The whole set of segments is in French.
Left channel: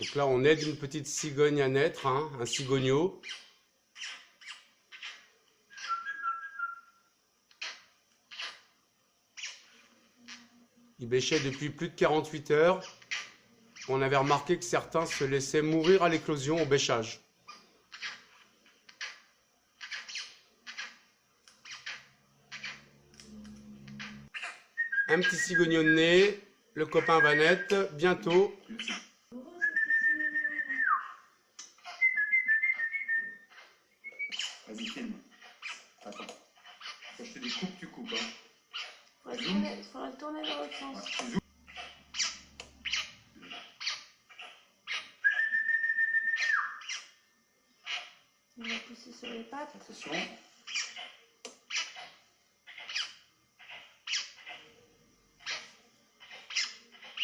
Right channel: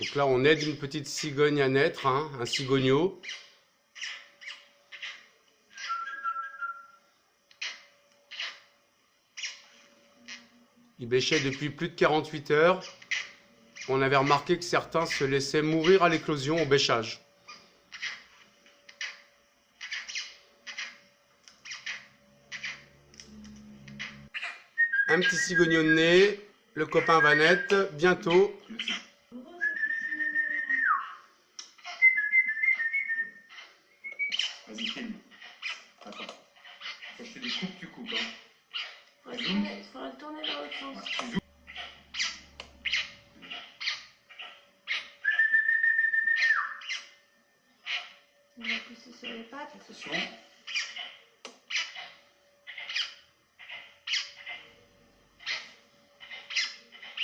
Donc là, on aide une petite cigogne à naître, hein, un cigogneau. Il bêchait depuis plus de 48 heures. On avait remarqué que certains se laissaient mourir à l'éclosion au bêchage. Un petit cigogneau de nez, le copain va naître bientôt. Vas-y, filme. Attends. Quand je te dis coupe, tu coupes. Hein. Il faudra le tourner dans l'autre sens. Ouais, tu zoomes. On va pousser sur les pattes. Attention.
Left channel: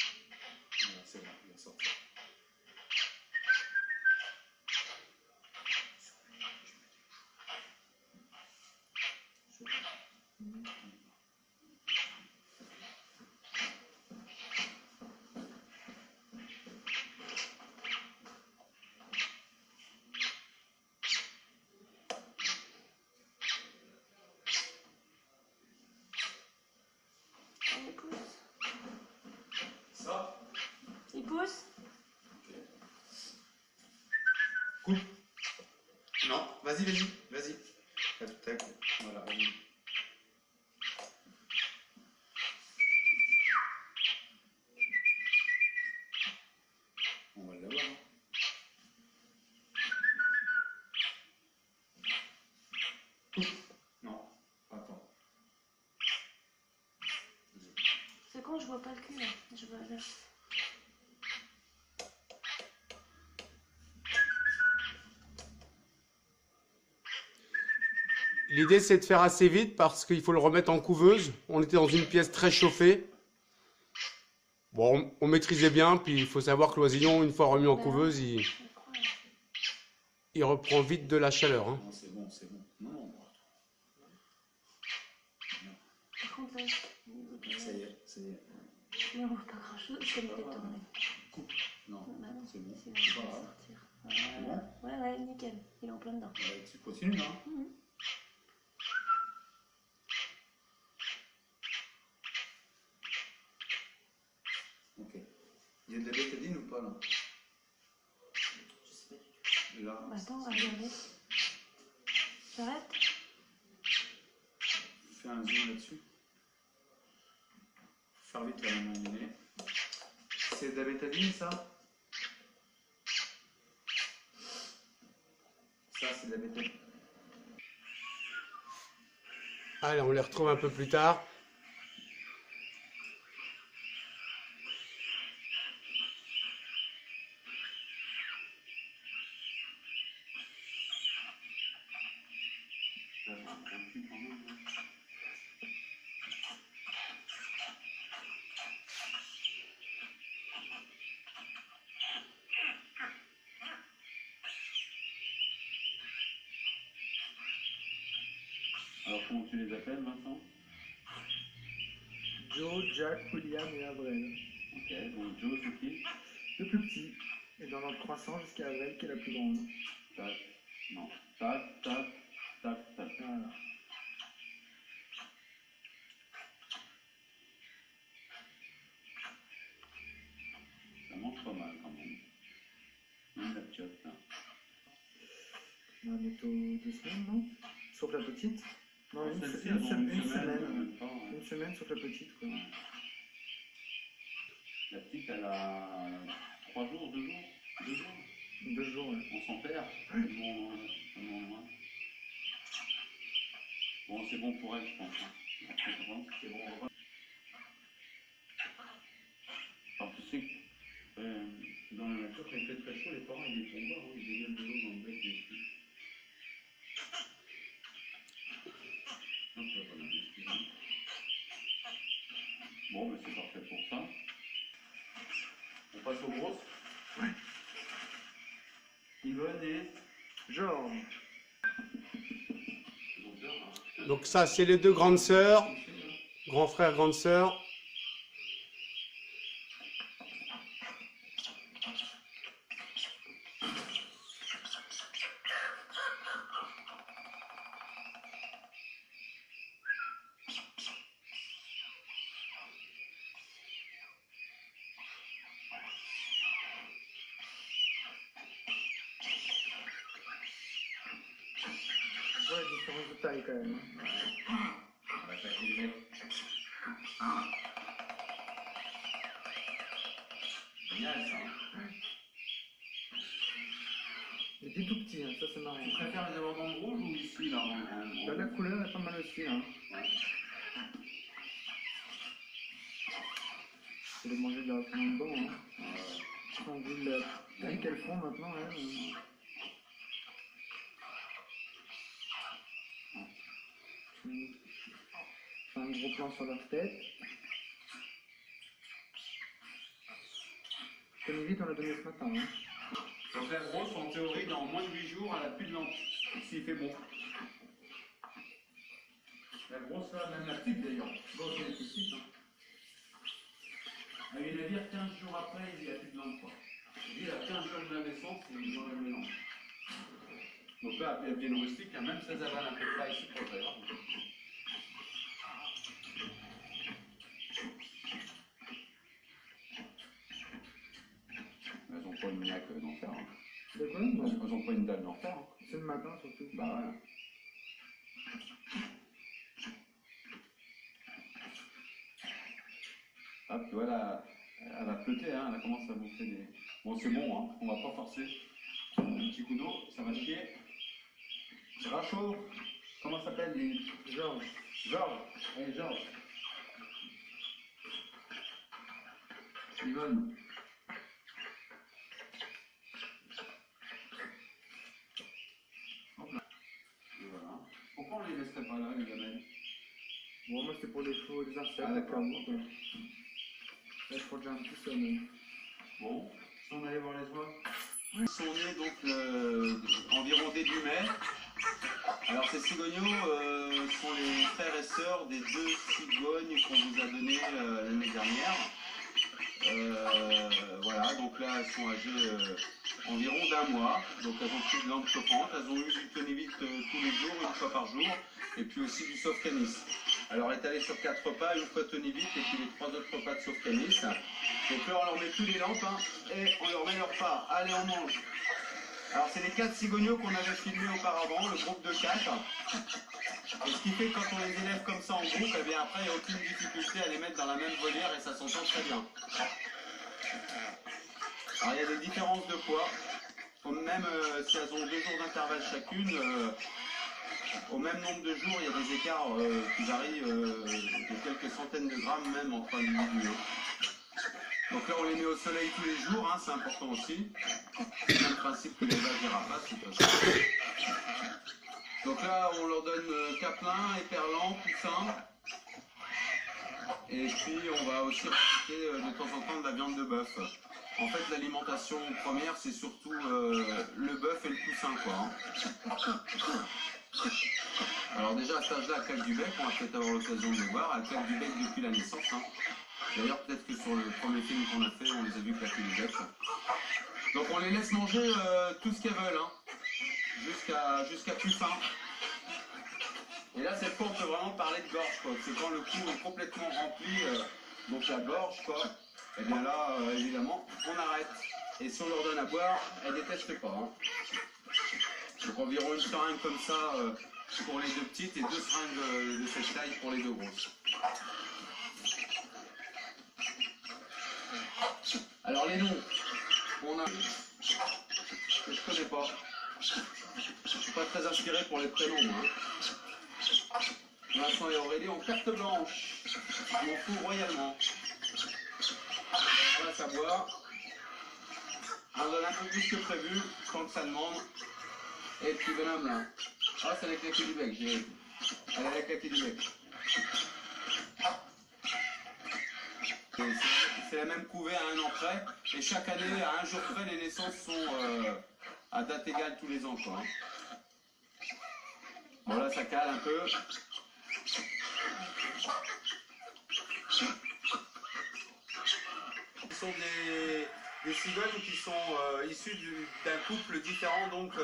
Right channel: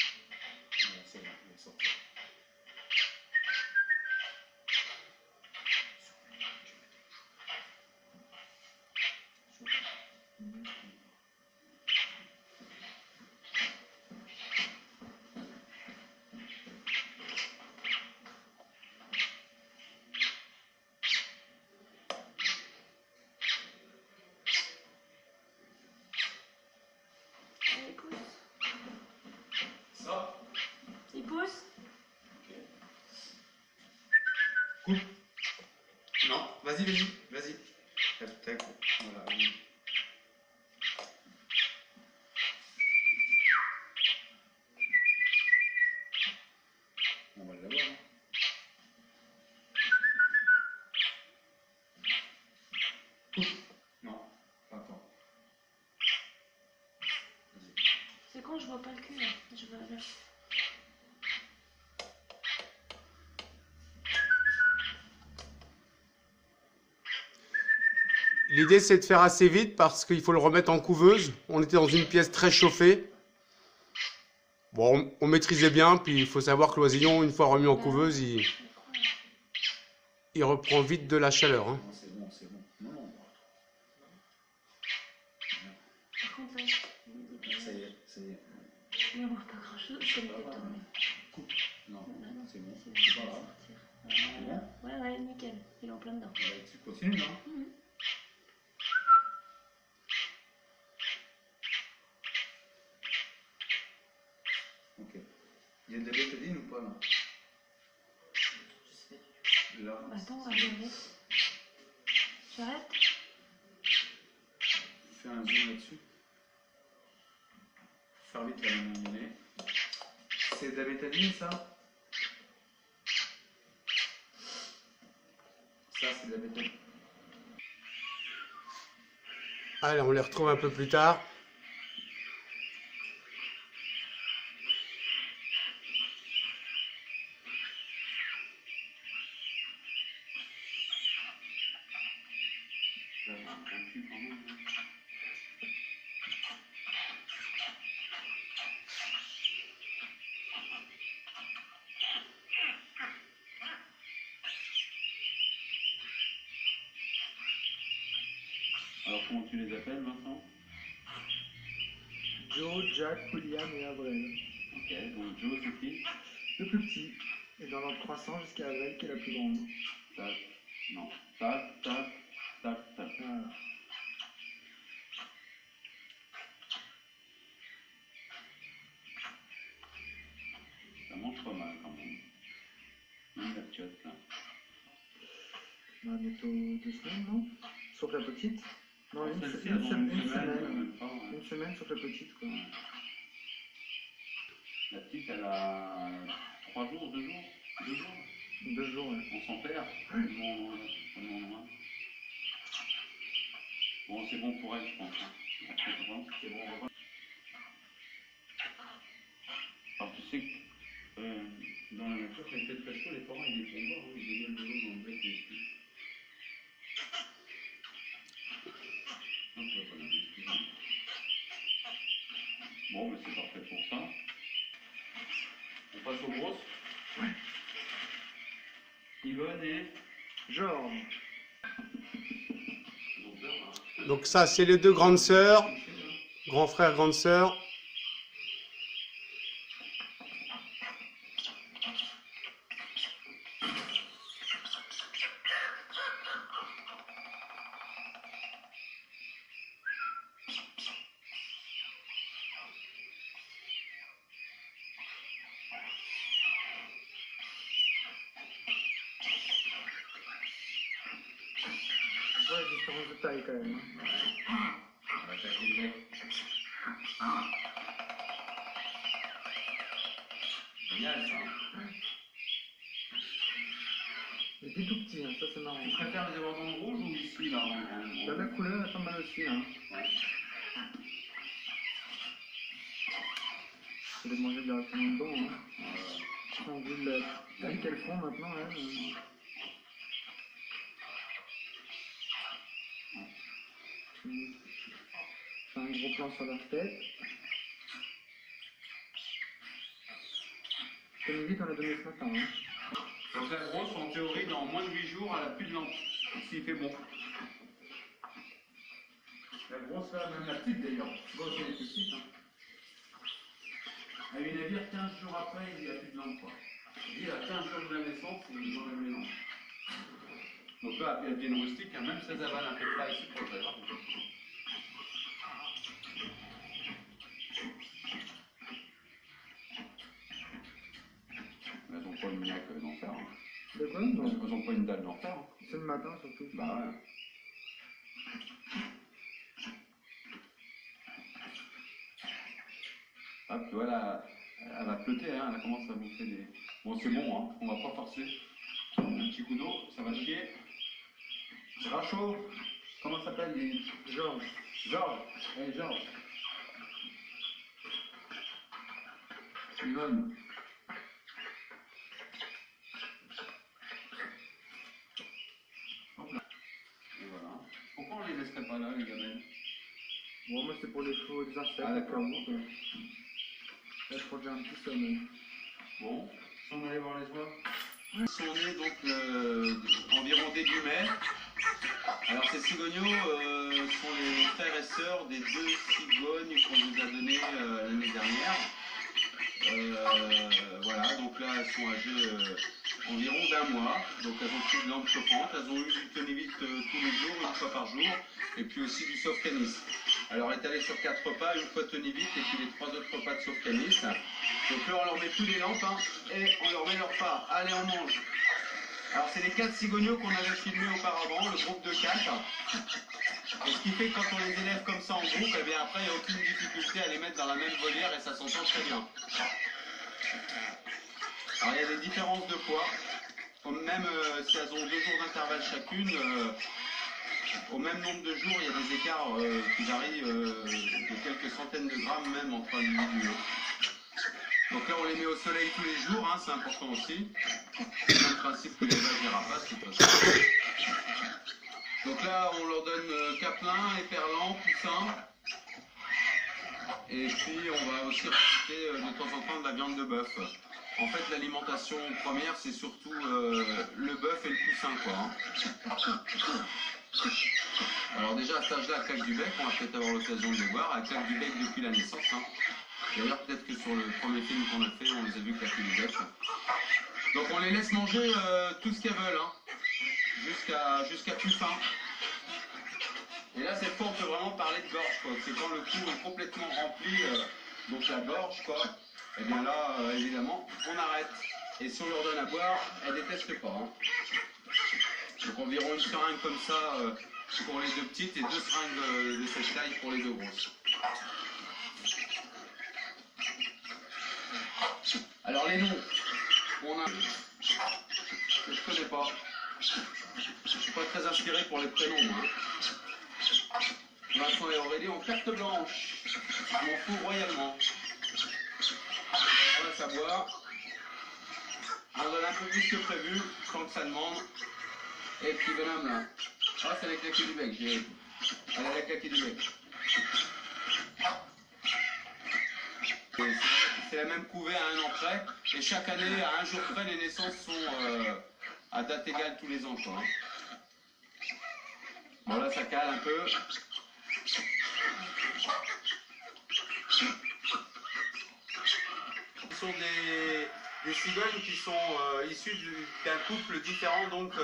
Voilà, c'est bon, il est sorti. Allez, pousse. Ça. Il pousse. Ok. Coupe. Non, vas-y, vas-y, vas-y. Tac, tac. Voilà, vas-y. On va l'avoir. Hein. Coupe. Non, attends. Vas-y. C'est quand je vois pas le cul là. Je vois là. L'idée, c'est de faire assez vite parce qu'il faut le remettre en couveuse. On était dans une pièce très chauffée. Bon, on maîtrisait bien, puis il faut savoir que l'oisillon, une fois remis en couveuse, il reprend vite de la chaleur. Hein. Non, c'est bon, c'est bon. Non. Par contre, là, Ça y est, ça y est. mais on voit pas grand chose. Je vais le détourner. Coupe. Non, Non, c'est bon. c'est bon, C'est je vais pas grave. sortir. C'est bon. Ouais, nickel. Il est en plein dedans. Tu continues, hein. Mhm. Ok. Il y a de la bétadine ou pas là? Là. Attends, regardez. J'arrête. Fais un zoom là-dessus. Faire vite à un moment donné. C'est de la bétadine ça? Ça c'est de la bétadine. Allez, on les retrouve un peu plus tard. Alors comment tu les appelles, Vincent? Joe, Jack, William et Avril. Ok, donc Joe c'est qui? Le plus petit. Et dans l'ordre croissant jusqu'à Avril qui est la plus grande. Tac, non, tac, tac, tac, tac. Voilà. Ça mange pas mal quand même. Même la piotte là. On a bientôt 2 semaines, non? Sauf la petite. Non, une Celle-ci, semaine. elle mange Une semaine. même pas, ouais. Une semaine sauf la petite, quoi. Ouais. La petite, elle a 3 jours, 2 jours 2 jours. 2 jours, ouais. On s'en perd. Tellement loin. Bon, c'est bon pour elle, je pense. Hein. Après, je pense que c'est bon. On va... Alors, tu sais que dans la nature, quand il fait très chaud, les parents, ils les font boire. Hein. Ils dégagent de l'eau dans le bec des filles. Non, tu vas pas l'investiguer. Bon, ben c'est parfait pour ça. On passe aux grosses. Ouais. Yvonne et... Genre. Donc ça, c'est les deux grandes sœurs. Grand frère, grande sœur. Grosse de taille quand même. Hein. On va attaquer le bec. Génial ça. Hein. Il est tout petit, hein. Ça c'est marrant. Tu préfères les avoir dans le rouge ou ici là Bah, la couleur est pas mal aussi. Hein. Ouais. Je vais les manger directement dedans. Hein. On vu la taille qu'elles font maintenant. Hein. C'est un gros plan sur leur tête. Comme vite, on l'a donné ce matin. Hein. Donc la grosse, en théorie, dans moins de 8 jours, elle a plus de lampe. S'il fait bon. La grosse là, même la petite d'ailleurs. Grosse, elle est petite. Hein. À une navire, 15 jours après, il n'y a plus de lampe. Quoi. Il a 15 jours de la naissance, ils enlèvent les lampes. Donc là, elle vient rustique, hein, même si elles avalent un peu de paille, c'est pas très grave. Elles n'ont pas une niaque d'enfer. Hein. De quoi? Elles n'ont pas une dalle d'enfer. Hein. C'est le matin surtout. Bah ouais. Ah, puis voilà, elle va peuter, hein, elle commence à bouffer des... Bon, c'est bon, hein, on va pas forcer. Un petit coup d'eau, ça va chier. Rachaud, comment ça s'appelle les... Georges. Georges, hey Georges. Yvonne. Hop là. Et voilà. Pourquoi on les laisserait pas là, les gamelles? Bon, moi c'était pour les chevaux et les insectes. Ah, d'accord. Là, je crois que j'ai un petit sommeil. Bon, si on allait voir les oies. Ils sont nés donc environ début mai. Alors ces cigognos sont les frères et sœurs des 2 cigognes qu'on vous a données l'année dernière. Voilà, donc là elles sont âgées environ d'1 mois. Donc elles ont pris de lampe chauffante, elles ont eu du tonivite tous les jours, une fois par jour, et puis aussi du Sofcanis. Alors étalé sur 4 repas, une fois tonivite et puis les 3 autres repas de Sofcanis. Donc là on leur met plus les lampes hein, et on leur met leur part. Allez, on mange. Alors c'est les 4 cigognos qu'on avait filmés auparavant, le groupe de 4. Et ce qui fait que quand on les élève comme ça en groupe, eh bien après il n'y a aucune difficulté à les mettre dans la même volière et ça s'entend très bien. Alors il y a des différences de poids. Même si elles ont 2 jours d'intervalle chacune, au même nombre de jours, il y a des écarts qui varient de quelques centaines de grammes même entre individus. Donc là on les met au soleil tous les jours, hein, c'est important aussi. C'est le même principe que les vaches des rapaces, de toute façon. Donc là on leur donne caplin, éperlan, poussin. Et puis on va aussi rajouter de temps en temps de la viande de bœuf. En fait l'alimentation première c'est surtout le bœuf et le poussin quoi. Hein. Alors déjà à cet âge-là, elle claque du bec, on va peut-être avoir l'occasion de le voir, elle claque du bec depuis la naissance. Hein. D'ailleurs peut-être que sur le premier film qu'on a fait, on les a vus claquer du bec. Donc on les laisse manger tout ce qu'elles veulent, hein, jusqu'à plus faim. Et là cette fois on peut vraiment parler de gorge, quoi. C'est quand le cou est complètement rempli, donc la gorge, quoi. Et bien là, évidemment, on arrête. Et si on leur donne à boire, elles détestent pas. Hein. Donc environ une seringue comme ça pour les 2 petites et 2 seringues de cette taille pour les 2 grosses. Alors les noms, on a que je connais pas. Je suis pas très inspiré pour les prénoms, moi. Vincent et Aurélie en carte blanche. Je m'en fous royalement. On va savoir. On donne un peu plus que prévu, quand que ça demande. Et puis bonhomme là. Ah, c'est la claquée du bec, j'ai. Elle a la claquée du bec. C'est la même couvée à 1 an près. Et chaque année, à 1 jour près, les naissances sont à date égale tous les ans, quoi. Bon là, ça cale un peu. Ce sont des cigognes qui sont issues d'un couple différent, donc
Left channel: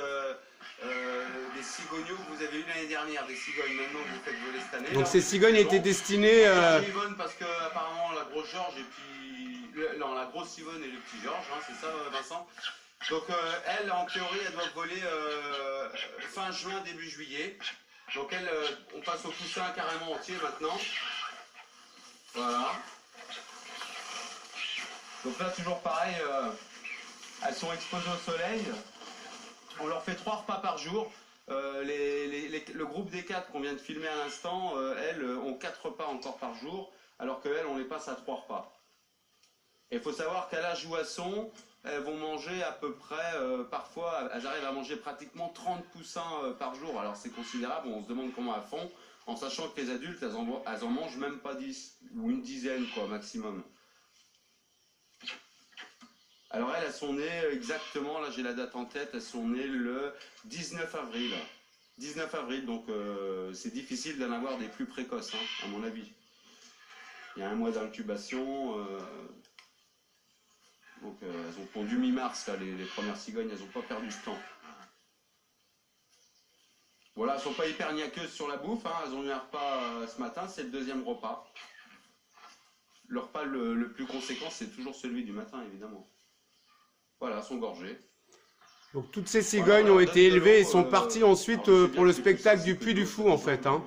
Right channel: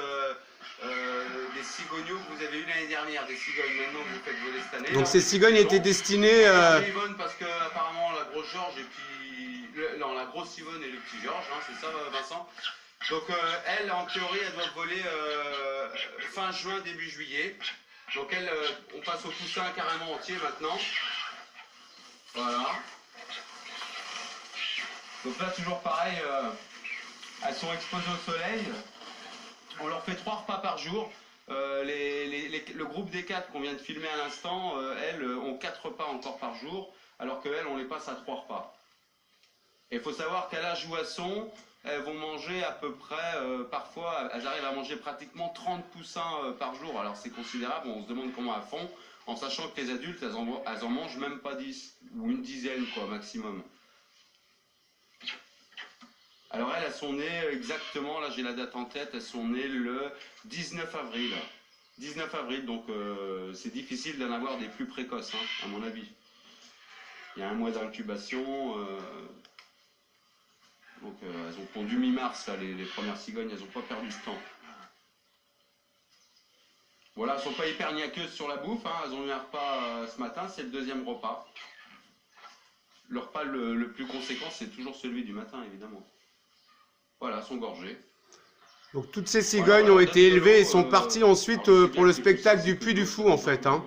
des cigognos que vous avez eu l'année dernière, des cigognes maintenant que vous faites voler cette année. Donc ces cigognes étaient destinées... Yvonne parce que apparemment la grosse Georges et puis... non, la grosse Yvonne et le petit Georges, hein, c'est ça Vincent. Donc elles, en théorie, elles doivent voler fin juin, début juillet. Donc elle, on passe au poussin carrément entier maintenant. Voilà. Donc là, toujours pareil, elles sont exposées au soleil. On leur fait 3 repas par jour. Le groupe des 4 qu'on vient de filmer à l'instant, elles ont 4 repas encore par jour, alors qu'elles, on les passe à 3 repas. Et il faut savoir qu'à l'âge où elles sont, elles vont manger à peu près, parfois, elles arrivent à manger pratiquement 30 poussins par jour. Alors c'est considérable, on se demande comment elles font, en sachant que les adultes, elles en mangent même pas 10, ou une dizaine quoi, maximum. Alors elles sont nées exactement, là j'ai la date en tête, elles sont nées le 19 avril. 19 avril, donc c'est difficile d'en avoir des plus précoces, hein, à mon avis. Il y a 1 mois d'incubation, donc elles ont pondu mi-mars, les premières cigognes, elles n'ont pas perdu de temps. Voilà, elles ne sont pas hyper niaqueuses sur la bouffe, hein, elles ont eu un repas ce matin, c'est le 2e repas. Le repas le plus conséquent, c'est toujours celui du matin, évidemment. Voilà, elles sont gorgées. Donc toutes ces cigognes ont été élevées et sont parties ensuite pour le spectacle du Puy du Fou en fait. Hein.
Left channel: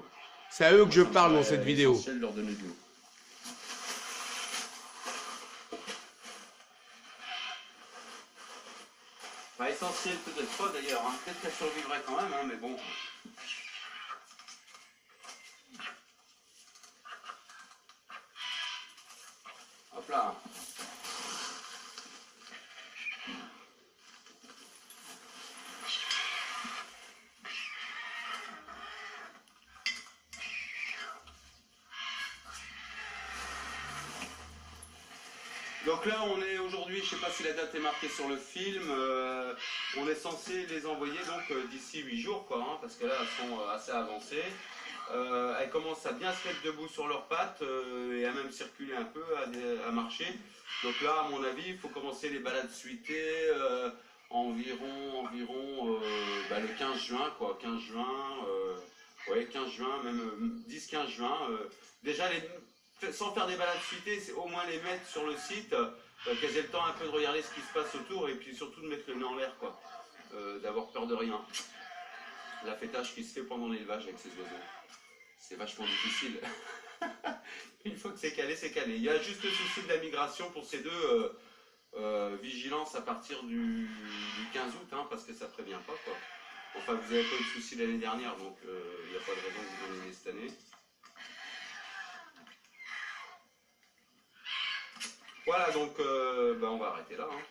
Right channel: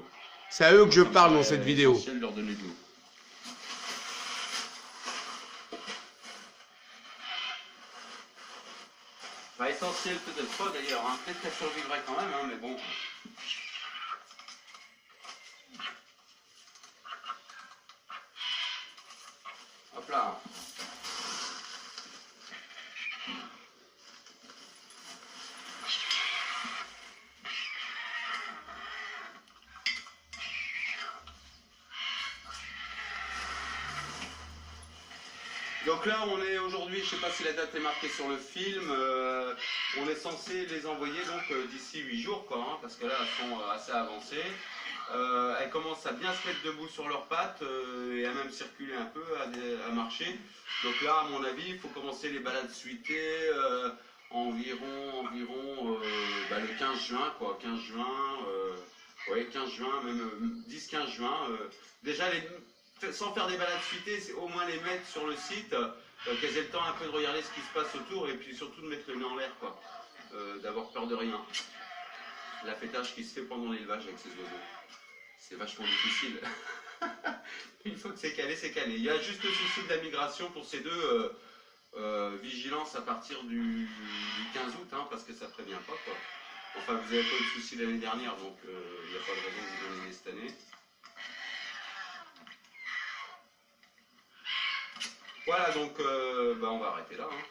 C'est à eux que je parle dans cette vidéo. C'est essentiel de leur donner de l'eau. Pas essentiel peut-être pas d'ailleurs, hein. Peut-être qu'elle survivrait quand même, hein, mais bon. Hop là. Donc là, on est aujourd'hui, je ne sais pas si la date est marquée sur le film, on est censé les envoyer donc d'ici 8 jours, quoi, hein, parce que là, elles sont assez avancées. Elles commencent à bien se mettre debout sur leurs pattes et à même circuler un peu, à marcher. Donc là, à mon avis, il faut commencer les balades suitées environ le 15 juin, quoi, 15 juin, ouais, 15 juin, même 10-15 juin. Déjà, sans faire des balades suitées, c'est au moins les mettre sur le site, qu'elles aient le temps un peu de regarder ce qui se passe autour et puis surtout de mettre le nez en l'air, quoi, d'avoir peur de rien. L'affêtage qui se fait pendant l'élevage avec ces oiseaux, c'est vachement difficile. Une fois que c'est calé, c'est calé. Il y a juste le souci de la migration pour ces deux, vigilance à partir du 15 août, hein, parce que ça prévient pas, quoi. Enfin, vous n'avez pas eu de souci l'année dernière, donc il n'y a pas de raison que vous en ayez cette année. Voilà, donc on va arrêter là. Hein.